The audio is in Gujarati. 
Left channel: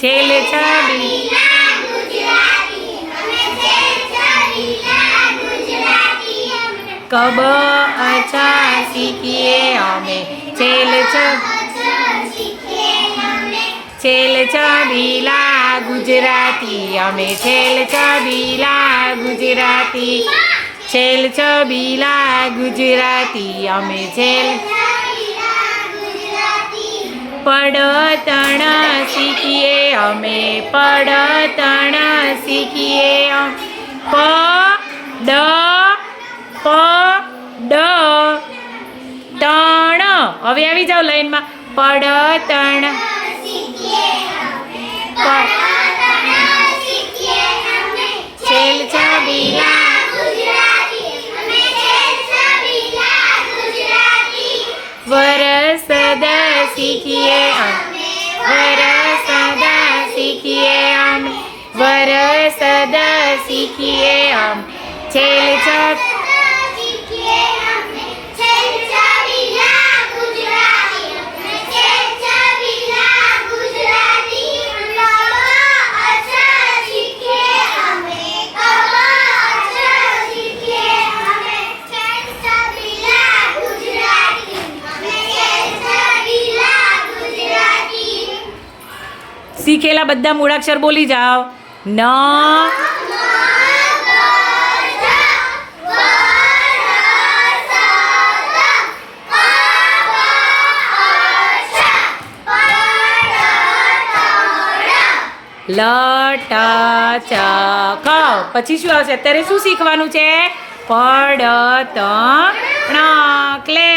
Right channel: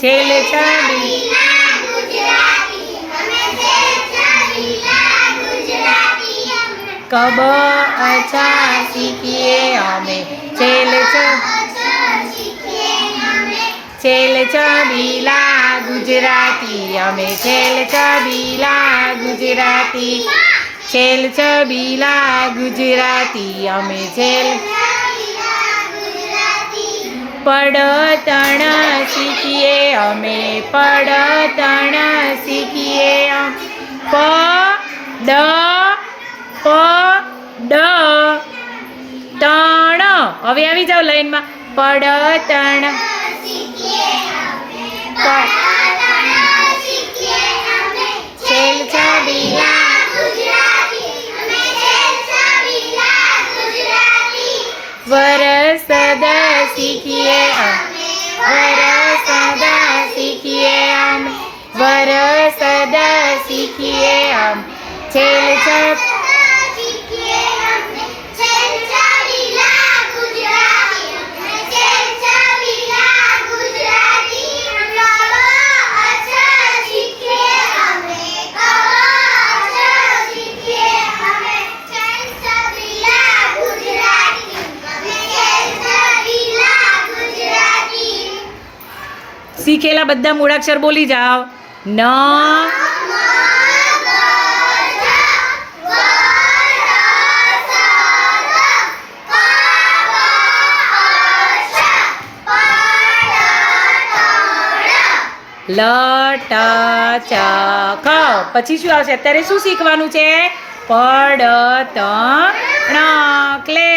છેલે છબી કબ અચ્છા શીખીએ અમે? છેલ છ. છેલ છબીલા ગુજરાતી અમે છેલ છબીલા ગુજરાતી છેલ છબીલા ગુજરાતી અમે છેલ પડતણ શીખીએ, અમે પડતણ શીખીએ. પ ડ પ, ડ, તણ. હવે આવી જાઓ લાઈનમાં. પડતણ છેલ છબીલા વરસદ શીખીએ વર સદા શીખીએ આમ. વર સદા શીખીએ આમ. છેલ છ શીખેલા બધા મૂળાક્ષર બોલી જાઓ. ન. લ ટ ચ ક પછી શું આવશે? અત્યારે શું શીખવાનું છે? પડ ત ણ ક્લેપ